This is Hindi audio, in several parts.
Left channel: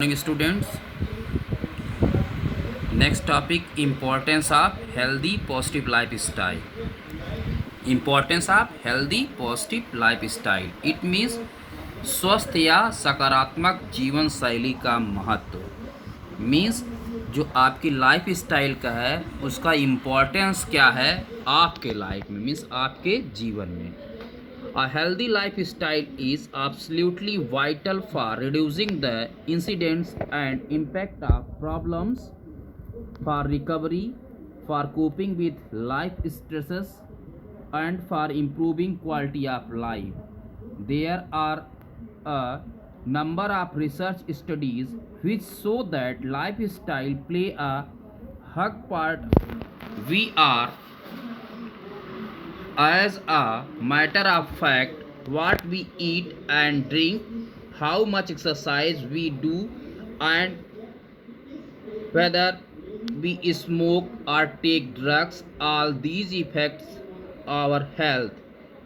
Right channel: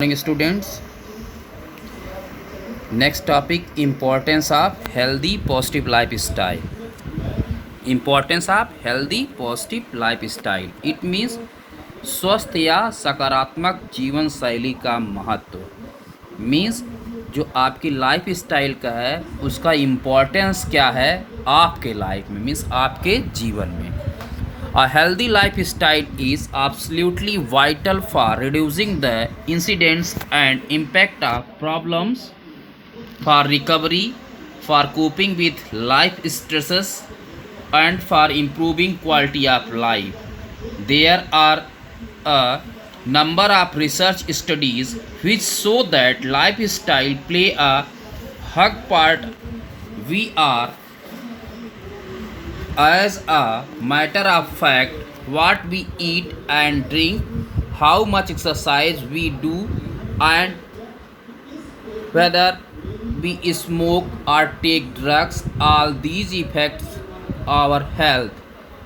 Morning students. Next topic, importance of healthy positive lifestyle. Importance of healthy positive lifestyle. It means स्वस्थ या सकारात्मक जीवन शैली का महत्व। मीन्स जो आपकी लाइफ स्टाइल का है उसका इम्पोर्टेंस क्या है आपके लाइफ में, मीन्स आपके जीवन में। A healthy lifestyle is absolutely vital for reducing the incidence and impact of problems, for recovery, for coping with life stresses, and for improving quality of life. There are a number of research studies which show that lifestyle play a hug part. We are, as a matter of fact, what we eat and drink, how much exercise we do, and whether we smoke or take drugs, all these affects our health.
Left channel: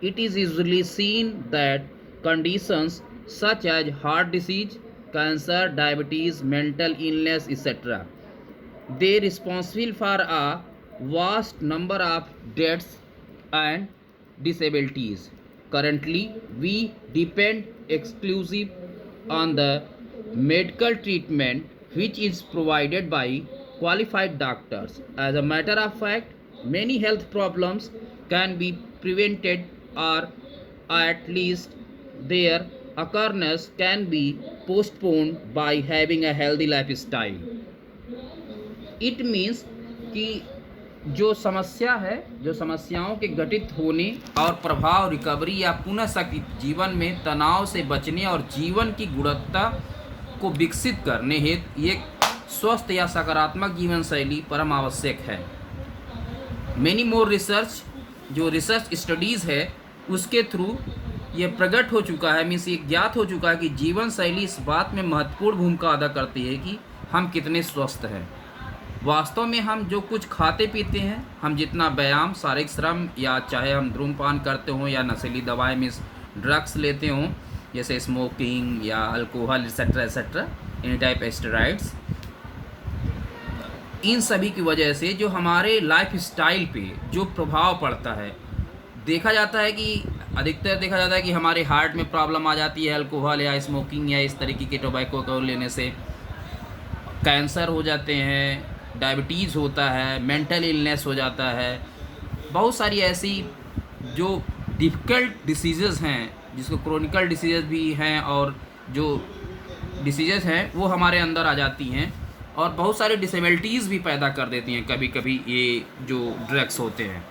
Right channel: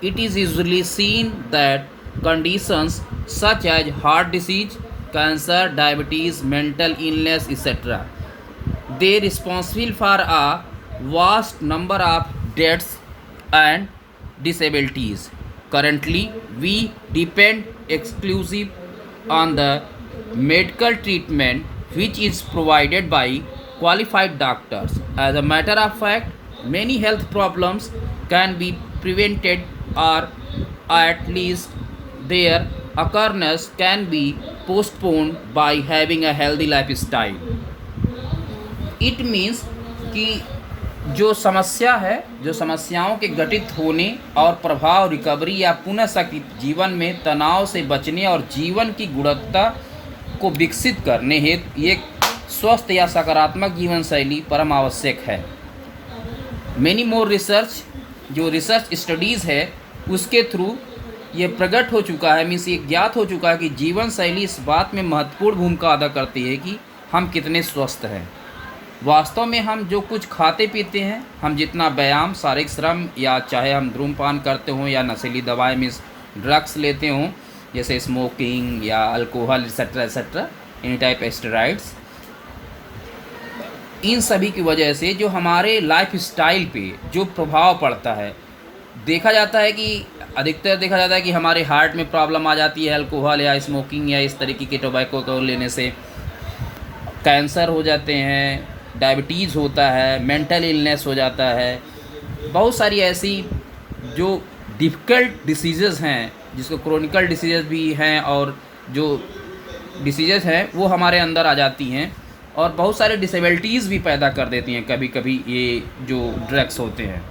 It is usually seen that conditions such as heart disease, cancer, diabetes, mental illness, etc. they responsible for a vast number of deaths and disabilities. Currently, we depend exclusively on the medical treatment which is provided by qualified doctors. As a matter of fact, many health problems can be prevented, or at least their occurrence can be postponed by having a healthy lifestyle. It means कि जो समस्या है, जो समस्याओं के घटित होने और प्रभाव, रिकवरी या पुनः सकित जीवन में तनाव से बचने और जीवन की गुणवत्ता को विकसित करने हेतु एक स्वस्थ या सकारात्मक जीवन शैली परम आवश्यक है। मैनी मोर रिसर्च, जो रिसर्च स्टडीज़ है उसके थ्रू ये प्रकट हो चुका है, मीन्स ये ज्ञात हो चुका है कि जीवन शैली इस बात में महत्वपूर्ण भूमिका अदा करती है कि हम कितने स्वस्थ हैं। वास्तव में हम जो कुछ खाते पीते हैं, हम जितना व्यायाम, शारीरिक श्रम, या चाहे हम धूम्रपान करते हों या नशीली दवाएं मीन्स ड्रग्स लेते हों जैसे स्मोकिंग या alcohol etcetera etcetera, any type steroids, इन सभी की वजह से जो हमारे लाइफ स्टाइल पे जो प्रभाव पड़ता है, देखा जाता है कि अधिकतर देखा जाता है कि हमारे हार्ट में प्रॉब्लम आ जाती है अल्कोहल या स्मोकिंग या इस तरीके के टोबैको को लेने से। कैंसर हो जाते हैं, डायबिटीज़ होता है, मेंटल इलनेस हो जाता है, बहुत सारी ऐसी जो डिफ़िकल्ट डिसीज़ेज़ हैं, जिसको क्रोनिकल डिसीज़ेज़ भी हैं, और जो डिसीज़ेज़ हैं वो हमारे अंदर आ जाती हैं और बहुत सारे डिसेबिलिटीज़ भी पैदा कर देती हैं कभी कभी ये जो ड्रग्स होते हैं।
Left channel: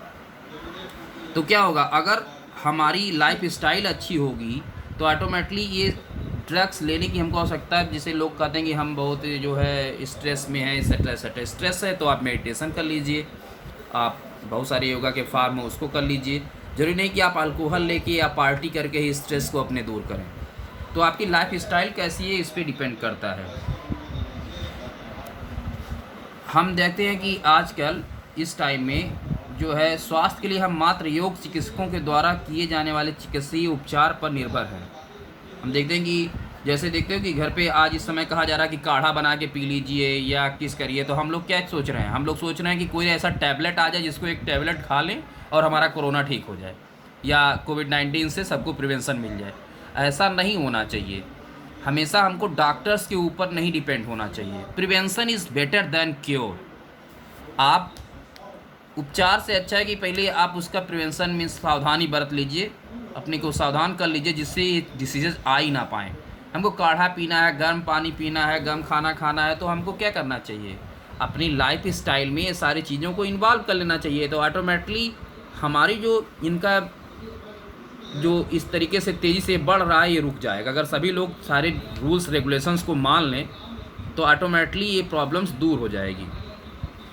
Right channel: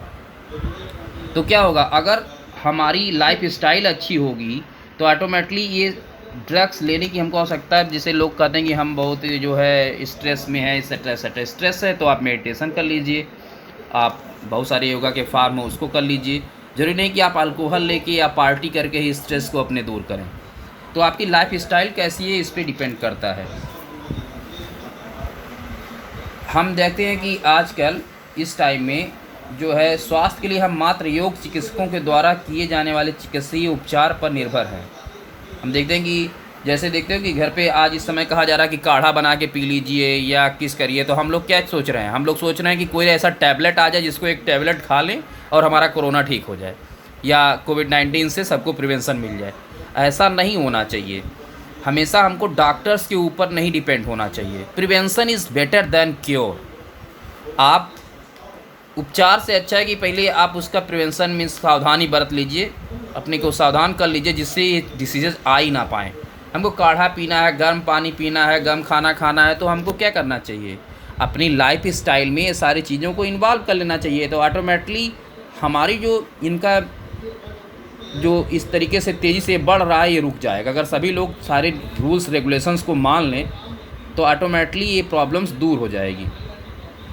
तो क्या होगा, अगर हमारी लाइफ स्टाइल अच्छी होगी तो ऑटोमेटिकली ये ड्रग्स लेने की हमको आवश्यकता है। जैसे लोग कहते हैं कि हम बहुत जो है स्ट्रेस में है, एक्सेट्रा एक्सेट्रा। स्ट्रेस है तो आप मेडिटेशन कर लीजिए, आप बहुत सारे योगा के फार्म हो उसको कर लीजिए। ज़रूरी नहीं कि आप अल्कोहल लेके या पार्टी करके ही स्ट्रेस को अपने दूर करें। तो आपकी लाइफ स्टाइल कैसी है इस पर डिपेंड करता है। हम देखते हैं कि आजकल इस टाइम में जो है स्वास्थ्य के लिए हम मात्र योग चिकित्सकों के द्वारा किए जाने वाले चिकित्सीय उपचार पर निर्भर हैं। हम देखते हैं कि जैसे देखते हो कि घर पे आज इस समय कहा जा रहा है कि काढ़ा बना के पी लीजिए या किस करिए, तो हम लोग क्या सोच रहे हैं, हम लोग सोच रहे हैं कि कोई ऐसा टैबलेट आ जाए जिसको एक टैबलेट खा लें और हमारा कोरोना ठीक हो जाए या कोविड-19 से सबको प्रिवेंशन मिल जाए। ऐसा नहीं होना चाहिए। हमेशा हमको डॉक्टर्स के ऊपर नहीं डिपेंड होना चाहिए। Prevention is better than cure. आप उपचार से अच्छा है कि पहले आप उसका प्रिवेंशन मीन्स सावधानी बरत लीजिए, अपने को सावधान कर लीजिए जिससे ये डिसीजेज आ ही ना पाएँ। हमको काढ़ा पीना है, गर्म पानी पीना है, गर्म खाना खाना है, तो हमको क्या करना चाहिए, अपनी लाइफ स्टाइल में ये सारी चीज़ों को इन्वॉल्व कर लेना चाहिए। तो ऑटोमेटिकली हमारी जो इनका जो इस तरीके से तेज़ी से बढ़ रहा है ये रुक जाएगा। अगर सभी लोग सारे रूल्स रेगुलेशंस को मान लें तो ऑटोमेटिकली ये प्रॉब्लम्स दूर हो जाएगी।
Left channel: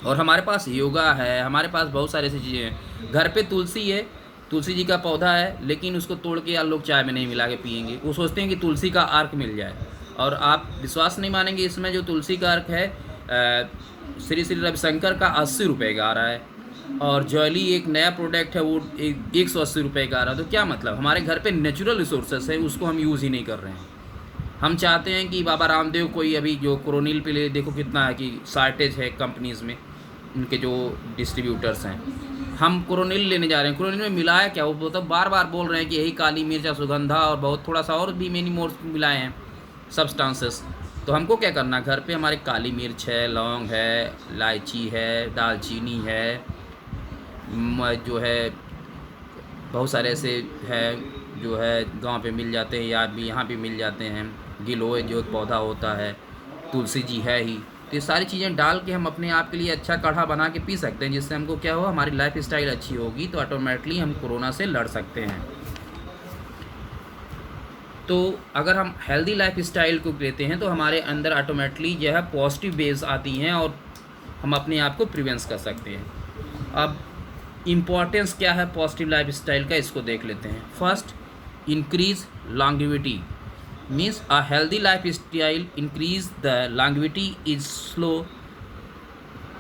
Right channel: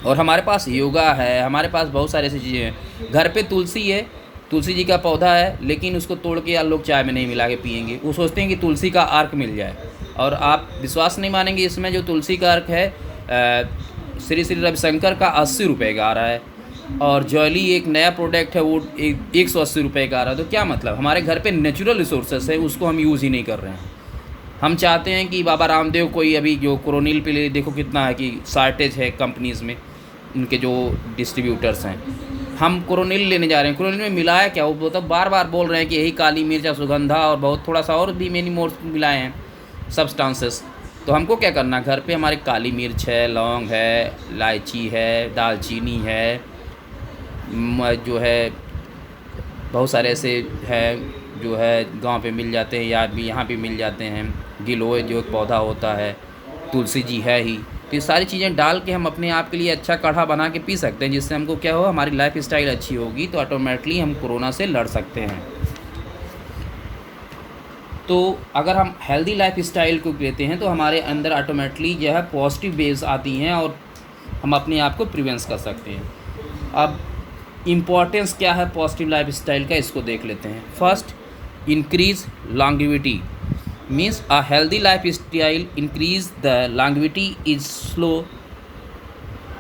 और हमारे पास योगा है, हमारे पास बहुत सारी ऐसी चीज़ें हैं। घर पे तुलसी है, तुलसी जी का पौधा है, लेकिन उसको तोड़ के यार लोग चाय में नहीं मिला के पियेंगे। वो सोचते हैं कि तुलसी का अर्क मिल जाए, और आप विश्वास नहीं मानेंगे, इसमें जो तुलसी का अर्क है श्री श्री रविशंकर का 80 रुपये का आ रहा है, और जॉली एक नया प्रोडक्ट है वो 180 रुपये का आ रहा है। तो क्या मतलब, हमारे घर पे नेचुरल रिसोर्सेस है, उसको हम यूज़ ही नहीं कर रहे हैं। हम चाहते हैं कि बाबा रामदेव कोई अभी जो कोरोनिल पे ले देखो कितना है कि शार्टेज है कंपनीज़ में, उनके जो डिस्ट्रीब्यूटर्स हैं। हम कोरोनिल लेने जा रहे हैं, कोरोनिल में मिला है क्या, वो तो बार बार बोल रहे हैं कि यही काली मिर्च अश्वगंधा और बहुत थोड़ा सा और भी मेनी मोर मिलाए हैं सब्सटेंसेस। तो हमको क्या करना, घर पे हमारे काली मिर्च है, लौंग है, इलायची है, दालचीनी है, जो है बहुत सारे ऐसे हैं जो है गांव पे मिल जाते हैं या भी यहाँ पे मिल जाते हैं। गिलोय जो एक पौधा होता है, तुलसी जी है ही। तो ये सारी चीज़ें डाल के हम अपने आप के लिए अच्छा काढ़ा बना के पी सकते हैं, जिससे हमको क्या हो, हमारी लाइफ स्टाइल अच्छी होगी तो ऑटोमेटिकली हम कोरोना से लड़ सकते हैं। तो अगर हम हेल्दी लाइफ स्टाइल को लेते हैं तो हमारे अंदर ऑटोमेटिकली जो है पॉजिटिव वेव्स आती हैं और हम अपने आप को प्रिवेंस कर सकते हैं। अब इम्पॉर्टेंस क्या है पॉजिटिव लाइफ स्टाइल का, इसको देख लेते हैं। First, increase longevity means a healthy life style increase the longevity is slow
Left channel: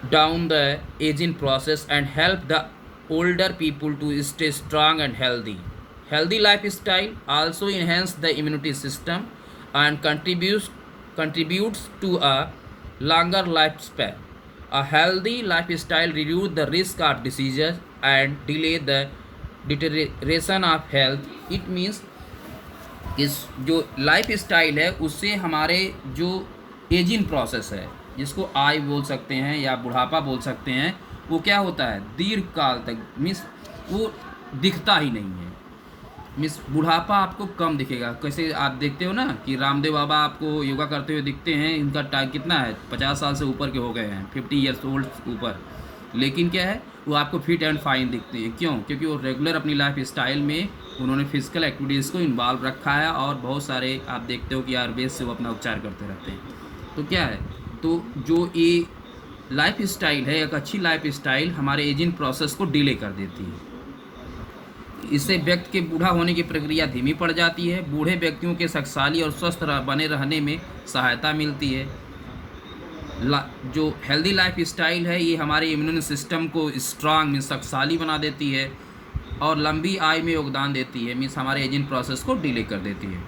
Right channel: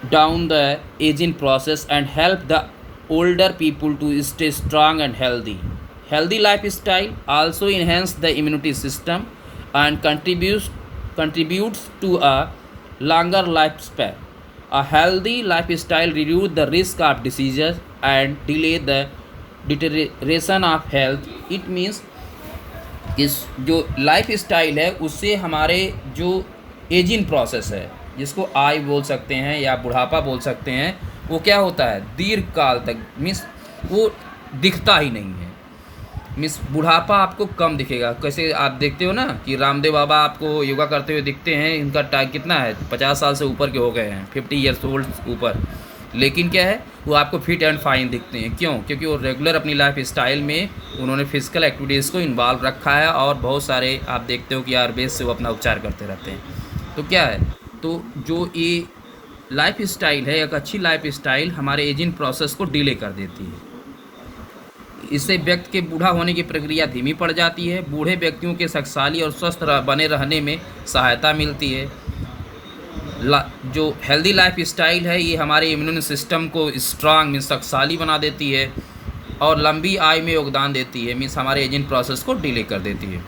down the aging process and help the older people to stay strong and healthy. Healthy lifestyle also enhance the immunity system and contributes to a longer lifespan. A healthy lifestyle reduce the risk of diseases and delay the deterioration of health. It means इस जो लाइफ स्टाइल है उससे हमारे जो एजिंग प्रोसेस है, जिसको आय बोल सकते हैं या बुढ़ापा बोल सकते हैं, वो क्या होता है दीर्घ काल तक, मीन्स वो दिखता ही नहीं है। मीन्स बुढ़ापा आपको कम दिखेगा। कैसे आप देखते हो ना कि रामदेव बाबा आपको योगा करते हुए दिखते हैं, इनका टाइम कितना है 50 साल से ऊपर के हो गए हैं, 50 ईयर्स ओल्ड ऊपर, लेकिन क्या है वो आपको फिट एंड फाइन दिखते हैं। क्यों? क्योंकि वो रेगुलर अपनी लाइफ स्टाइल में उन्होंने फिजिकल एक्टिविटीज़ को इन्वॉल्व रखा है और बहुत सारे आप देखते हो कि आयुर्वेद से वो अपना उपचार करते रहते हैं। तो क्या है, तो जो ये लाइफ स्टाइल है, एक अच्छी लाइफ स्टाइल हमारे एजिंग प्रोसेस को डिले कर देती है। इससे व्यक्ति के बूढ़ा होने की प्रक्रिया धीमी पड़ जाती है। बूढ़े व्यक्तियों के शक्तिशाली और स्वस्थ बने रहने में सहायता मिलती है। जो हेल्दी लाइफ स्टाइल है ये हमारे इम्यून सिस्टम को स्ट्रांग मीन्स शक्तिशाली बना देती है और लंबी आयु में योगदान देती है, मीन्स हमारे एजिंग प्रोसेस को डिले कर देती है।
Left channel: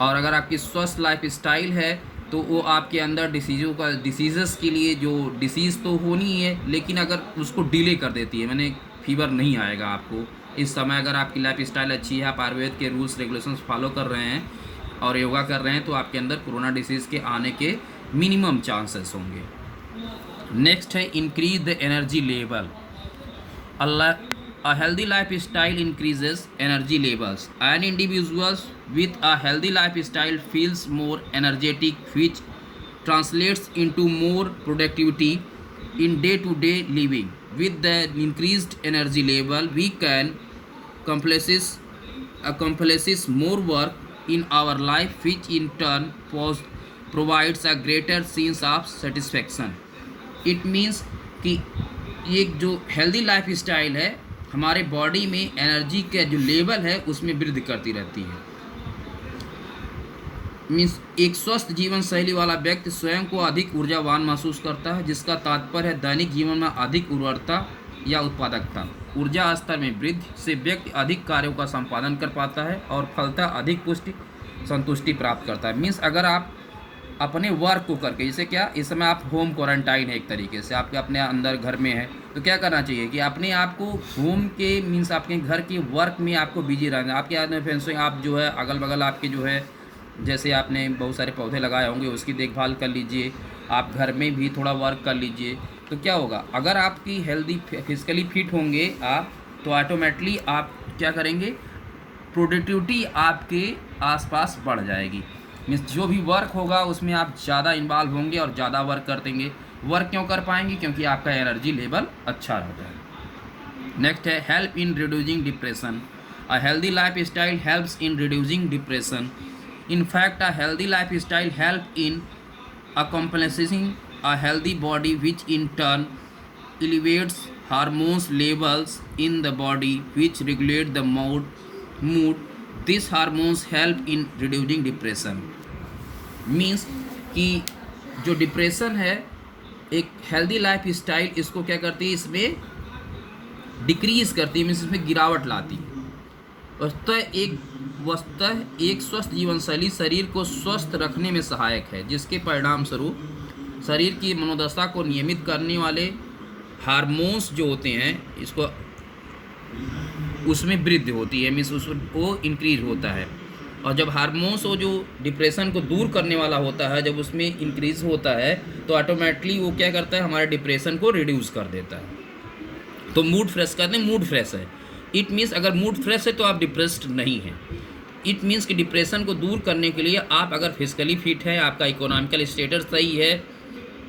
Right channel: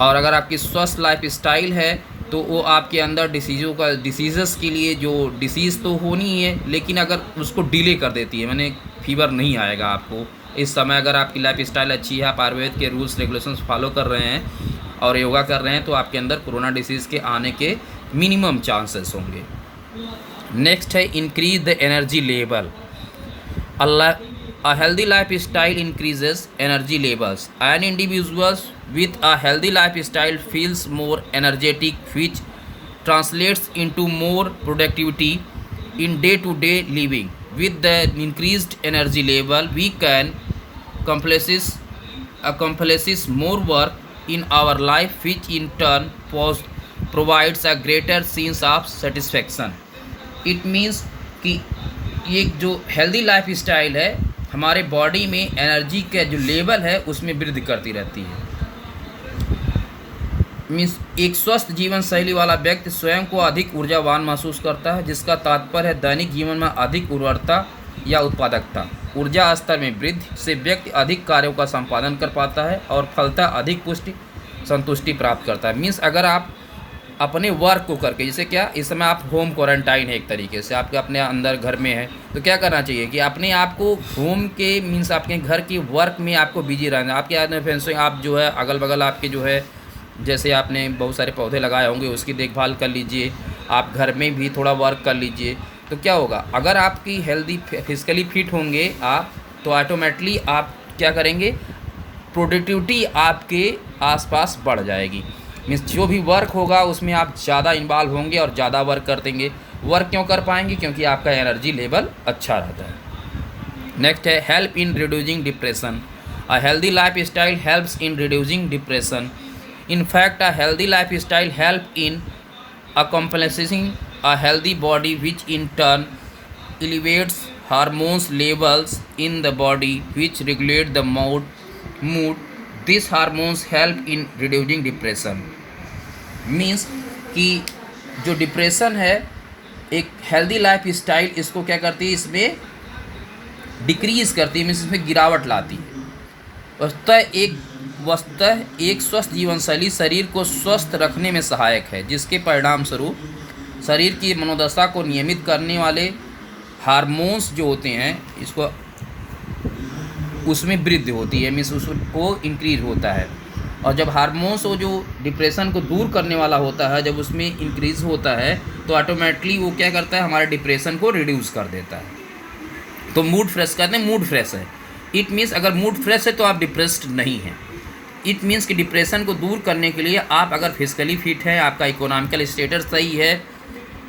और अगर आपकी स्वस्थ लाइफ स्टाइल है तो वो आपके अंदर डिसीज़ के लिए जो डिसीज़ तो होनी ही है, लेकिन अगर उसको डिले कर देती है, मैंने फीवर नहीं आएगा आपको इस समय। अगर आपकी लाइफ स्टाइल अच्छी है, आप आयुर्वेद के रूल्स रेगुलेशंस फॉलो कर रहे हैं और योगा कर रहे हैं, तो आपके अंदर कोरोना डिसीज़ के आने के मिनिमम चांसेस होंगे। नेक्स्ट है increase the energy level. A healthy lifestyle increases energy levels. An individual with a healthy lifestyle feels more energetic, which translates into more productivity in day-to-day living. With the increased energy level, we can accomplish more work in our life, which in turn provides a greater sense of satisfaction. It means कि ये जो हेल्दी लाइफ स्टाइल है हमारे बॉडी में एनर्जी का जो लेवल है उसमें वृद्धि करती रहती है। मीन्स एक स्वस्थ जीवन शैली वाला व्यक्ति स्वयं को अधिक ऊर्जावान महसूस करता है, जिसका तात्पर्य है दैनिक जीवन में अधिक उर्वरता या उत्पादकता। ऊर्जा स्तर में वृद्धि से व्यक्ति अधिक कार्यों का संपादन कर पाता है और फलतः अधिक संतुष्टि प्राप्त करता है। मीन्स अगर आप अपने वर्क को करके, जैसे क्या इस समय आप होम क्वारंटाइन है एक तरीके से, आपके अपने अंदर घर में है, तो क्या करना चाहिए कि अपने आप को होम के मीन्स आपके घर के वर्क में आपको बिजी रहना। आपके आदमी फ्रेंड्स आप जो है अगल बगल आपके जो है जैसे आपने बहुत सारे पौधे लगाए होंगे उसकी देखभाल कर लीजिए, आप घर में भी थोड़ा वर्क कर लीजिए। तो क्या होगा, अगर आपकी हेल्दी फिजिकली फिट होंगे आप, तो ऑटोमेटिकली आप क्या करेंगे, प्रोडक्टिविटी आपके आसपास बढ़ जाएगी। मीन्स जो भी वर्क होगा उसमें आप ज़्यादा इन्वॉल्व होंगे और ज़्यादा वर्क कर देंगे। वर्क क्यों कर पाएंगे, क्योंकि आपका एनर्जी लेवल अच्छा रहता है। नेक्स्ट है help in reducing depression. A healthy life style helps in reducing depression. In fact, a healthy lifestyle helps in accomplishing a healthy body, which in turn elevates hormones levels in the body, which regulate the mood. These hormones help in reducing depression. Means कि जो डिप्रेशन है एक हेल्दी लाइफ स्टाइल इसको क्या करती है, इसमें डिक्रीज़ करती है, मीन्स इसमें गिरावट लाती है। और तय एक वस्तुतः एक स्वस्थ जीवन शैली शरीर को स्वस्थ रखने में सहायक है, जिसके परिणाम स्वरूप शरीर की मनोदशा को नियमित करने वाले हार्मोन्स जो होते हैं इसको उसमें वृद्धि होती है, मीन्स उसको इंक्रीज होता है। और जब हार्मोन्स वो जो डिप्रेशन को दूर करने वाला होता है जब उसमें इंक्रीज होता है तो ऑटोमेटिकली वो क्या करता है, हमारे डिप्रेशन को रिड्यूस कर देता है। तो मूड फ्रेश करते हैं, मूड फ्रेश है। इट मीन्स अगर मूड फ्रेश है तो आप डिप्रेस्ड नहीं हैं। इट मीन्स कि डिप्रेशन को दूर करने के लिए आप अगर फिजिकली फिट हैं, आपका इकोनॉमिकल स्टेटस सही है।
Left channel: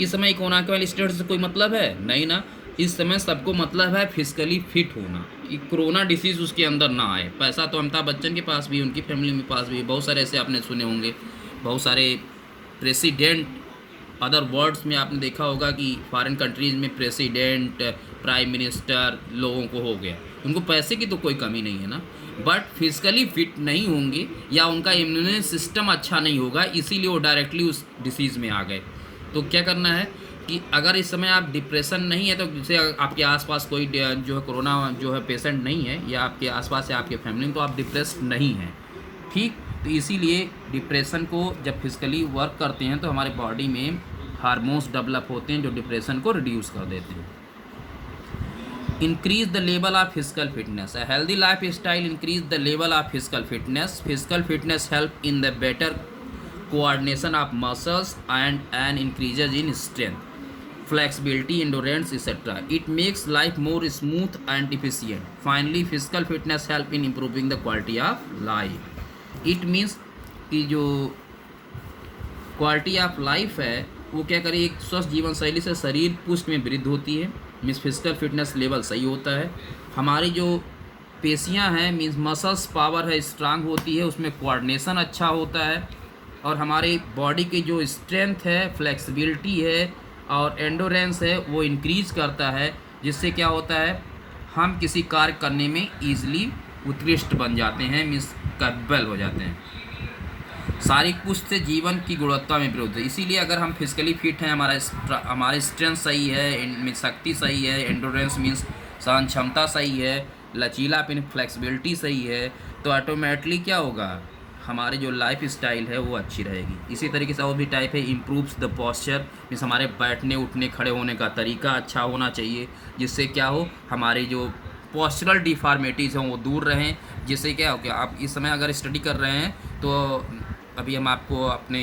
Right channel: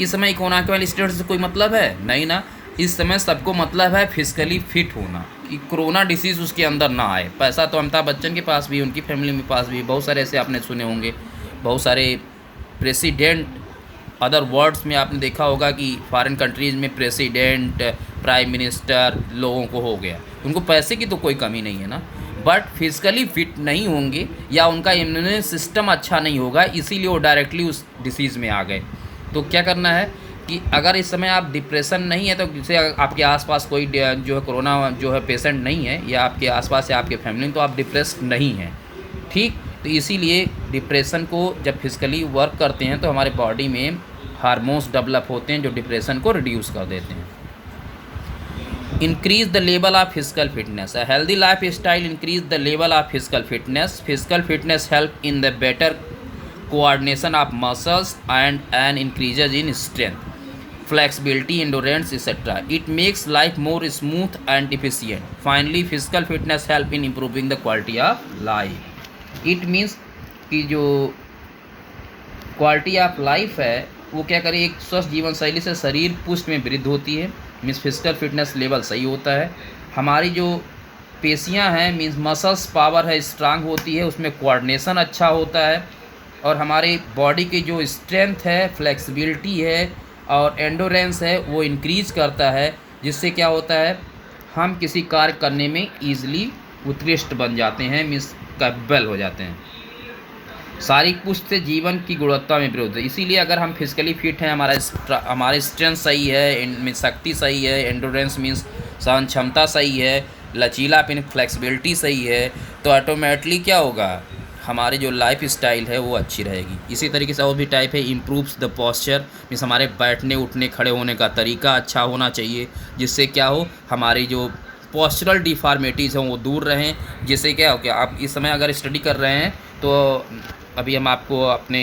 इस समय इकोनॉमिकल स्टेटस से कोई मतलब है नहीं ना, इस समय सबको मतलब है फिजिकली फिट होना कि कोरोना डिसीज़ उसके अंदर ना आए। पैसा तो अमिताभ बच्चन के पास भी, उनकी फैमिली में पास भी, बहुत सारे ऐसे आपने सुने होंगे। बहुत सारे प्रेसिडेंट, अदर वर्ड्स में आपने देखा होगा कि फॉरेन कंट्रीज़ में प्रेसिडेंट, प्राइम मिनिस्टर लोगों को हो गया, उनको पैसे की तो कोई कमी नहीं है ना, बट फिजिकली फिट नहीं होंगे या उनका इम्यून सिस्टम अच्छा नहीं होगा, इसीलिए वो डायरेक्टली उस डिसीज़ में आ गए। तो क्या करना है कि अगर इस समय आप डिप्रेशन नहीं है तो जैसे आपके आसपास कोई जो है कोरोना जो है पेशेंट नहीं है या आपके आसपास या आपके फैमिली में, तो आप डिप्रेस्ड नहीं हैं, ठीक। तो इसीलिए डिप्रेशन को जब फिजिकली वर्क करते हैं तो हमारे बॉडी में हार्मोन्स डेवलप होते हैं जो डिप्रेशन को रिड्यूस कर देते हैं। Increase the level of physical fitness. A healthy life style increase the level of physical fitness. Physical fitness help in the better coordination of muscles and increases in strength, flexibility, endurance, etc. It makes life more smooth and efficient. Finally, physical fitness help in improving the quality of life. It means कि जो क्वालिटी ऑफ लाइफ है वो क्या करे, एक स्वस्थ जीवन शैली से शरीर पुष्ट में वृद्धि होती है, मीन्स फिजिकल फिटनेस लेवल सही होता है। हमारी जो पेशियां हैं मीन्स मसल्स पावर है स्ट्रांग होती है, उसमें कोऑर्डिनेशन अच्छा होता है, और हमारी बॉडी की जो स्ट्रेंथ है, फ्लेक्सिबिलिटी है और एंडोरेंस है वो इंक्रीज़ करता है, जिससे क्या होता है हम किसी कार्य करने में ईजिली उत्कृष्ट बन जाते हैं, मीन्स कैपेबल हो जाते हैं। शारीरिक पुष्टि से जीवन की गुणवत्ता में वृद्धि। इसीलिए अगर हम फिजिकली फिट हैं, हमारी स्ट्रेंथ सही है, शक्ति सही है, एंडोरेंस मीन्स सहन क्षमता सही है, लचीलापन फ्लेक्सिबिलिटी सही है, तो ऑटोमेटिकली क्या होगा, हमारी जो लाइफ स्टाइल है वो अच्छी रहेगी। इसी तरीके से और भी टाइप है, इम्प्रूव्स द पॉस्चर, मीन्स हमारे बैठने उठने खड़े होने का तरीका अच्छा होना चाहिए, जिससे क्या हो हमारी जो पॉस्चरल डिफॉर्मिटीज़ हों वो दूर रहें। जिससे क्या हो, क्या आप इस समय अगर स्टडी कर रहे हैं तो अभी हम आपको अपने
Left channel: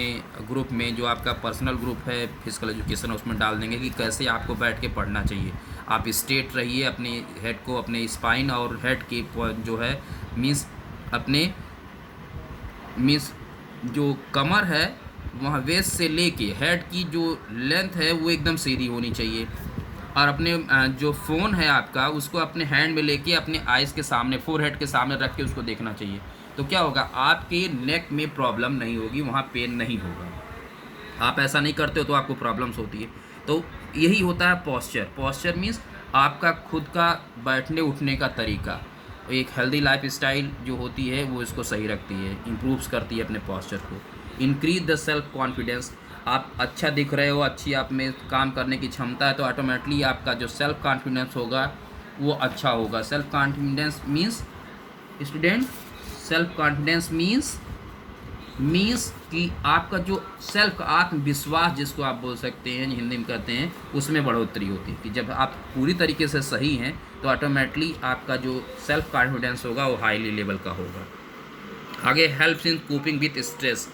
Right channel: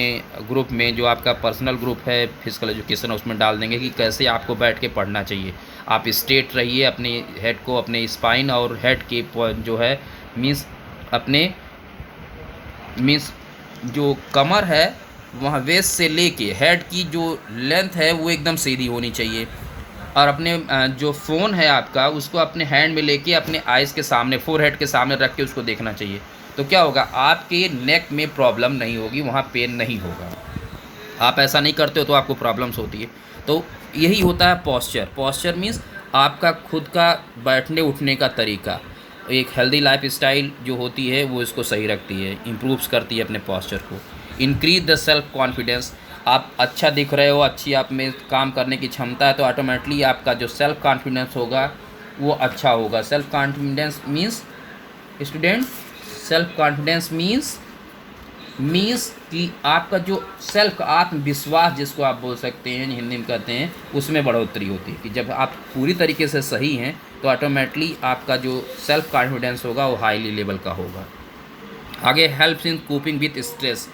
ग्रुप में जो आपका पर्सनल ग्रुप है फिजिकल एजुकेशन उसमें डाल देंगे कि कैसे आपको बैठ के पढ़ना चाहिए। आप स्ट्रेट रहिए, अपने हेड को, अपने स्पाइन और हेड के जो है मीन्स अपने जो कमर है वहाँ वेस्ट से लेके हेड की जो लेंथ है वो एकदम सीधी होनी चाहिए, और अपने जो फ़ोन है आपका उसको अपने हैंड में लेके अपने आइज़ के सामने, फोरहेड के सामने रख के उसको देखना चाहिए। तो क्या होगा, आपके नेक में प्रॉब्लम नहीं होगी, वहाँ पेन नहीं होगा। आप ऐसा नहीं करते हो तो आपको प्रॉब्लम्स होती है। तो यही होता है पॉस्चर। पॉस्चर मीन्स आपका खुद का बैठने उठने का तरीका। एक हेल्दी लाइफ स्टाइल जो होती है वो इसको सही रखती है, इम्प्रूव्स करती है अपने पॉस्चर को। Increase the self confidence. आप अच्छा दिख रहे हो, अच्छी आप में काम करने की क्षमता है, तो ऑटोमेटिकली आपका जो सेल्फ कॉन्फिडेंस होगा वो अच्छा होगा। Self confidence means student, self confidence means कि आपका जो सेल्फ आत्मविश्वास जिसको आप बोल सकते हैं, हिंदी में कहते हैं, उसमें बढ़ोतरी होती है कि जब आप पूरी तरीके से सही हैं तो ऑटोमेटिकली आपका जो सेल्फ कॉन्फिडेंस होगा वो हाईली लेवल का होगा। आगे helps in coping with stress.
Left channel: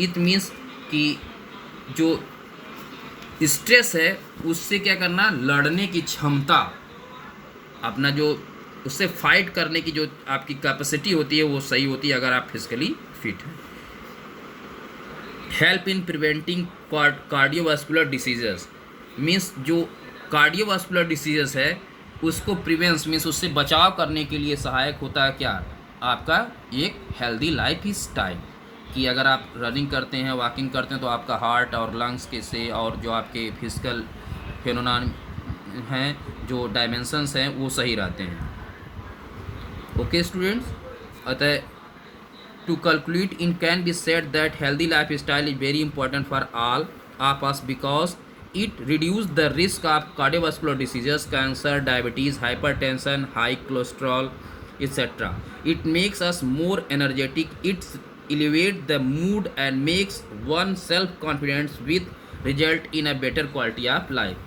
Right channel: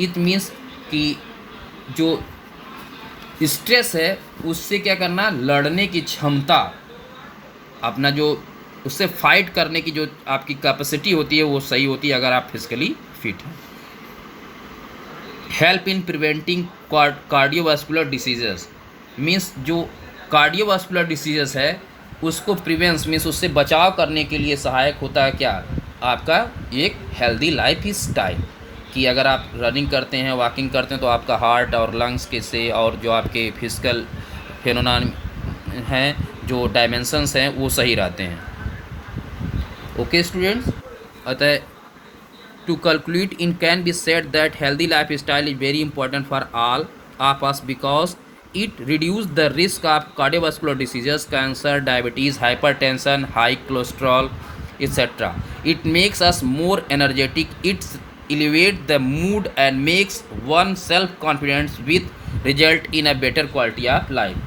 It means कि जो स्ट्रेस है उससे क्या करना, लड़ने की क्षमता, अपना जो उससे फाइट करने की जो आपकी कैपेसिटी होती है वो सही होती है अगर आप फिजिकली फिट हैं। Help in preventing cardiovascular diseases. Means जो कार्डियोवास्कुलर डिसीजेस है उसको प्रिवेंस मीन्स उससे बचाव करने के लिए सहायक होता है क्या, आपका एक हेल्दी लाइफ स्टाइल। कि अगर आप रनिंग करते हैं, वॉकिंग करते हैं, तो आपका हार्ट और लंग्स के से और जो आपके फिजिकल फेनोमेनन हैं, जो डायमेंशंस हैं, वो सही रहते हैं। ओके स्टूडेंट्स, अतः to conclude, it can be said that healthy lifestyle is very important for all of us because it reduces the risk of cardiovascular diseases, cancer, diabetes, hypertension, high cholesterol, etc. It makes us more energetic. It's elevate the mood and makes one self confidence with result in a better quality of life.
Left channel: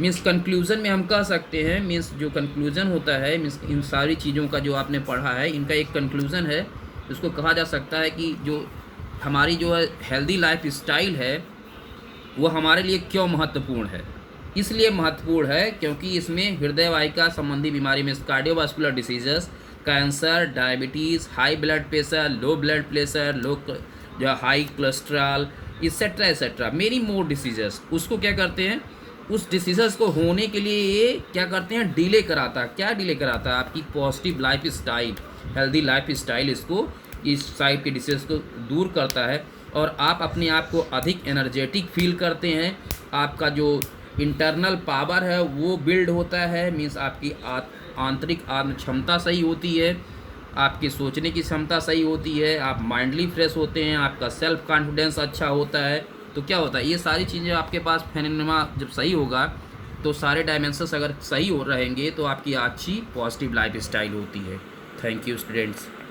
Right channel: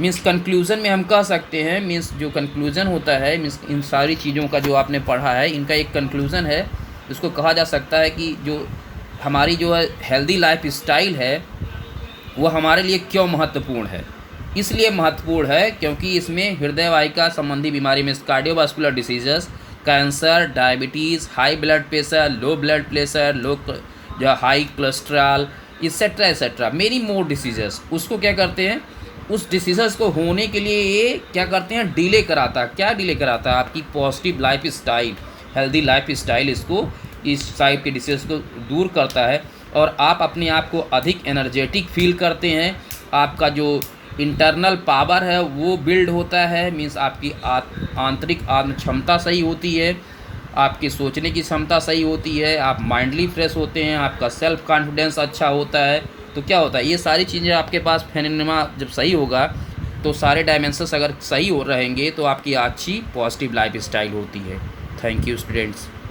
Means conclusion में हम कह सकते हैं, मीन्स जो कंक्लूज़न होता है, मीन्स इन सारी चीज़ों का जो आपने पढ़ा है इनका एक कंक्लूज़न है। इसको कहा जा सकता है कि जो हमारी जो है हेल्दी लाइफ स्टाइल है वो हमारे लिए क्यों महत्वपूर्ण है। इसलिए महत्वपूर्ण है क्योंकि इसमें हृदय वाहिका संबंधी बीमारी means cardiovascular diseases, cancer, diabetes, high blood pressure, low blood pressure, low जो high cholesterol etcetera etcetera, many more diseases, उसको क्या करते हैं, उस डिसीज़ को होने के लिए ये क्या करते हैं, डिले कराता है। क्या डिले कराता है? आपकी positive life style, healthy life style इसको इस टाइप के डिसीज़ को दूर करता है और आप अपने आप को अधिक एनर्जेटिक फील करते हैं। आपका जो इंटरनल पावर है वो बिल्ड होता है, मीन्स आपकी आंतरिक आत्म क्षमता सही होती है, आपकी सोचने की क्षमता सही होती है, आप माइंडली फ्रेश होते हैं, आपका सेल्फ कॉन्फिडेंस अच्छा होता है। तो क्या होता है, ये सारी चीज़ें आपके पास फेनोमेना जब सही होगा तो सारे डायमेंशंस अगर सही हो रहेंगे तो आपकी अच्छी पॉजिटिव लाइफ स्टाइल होती है। Thank you students.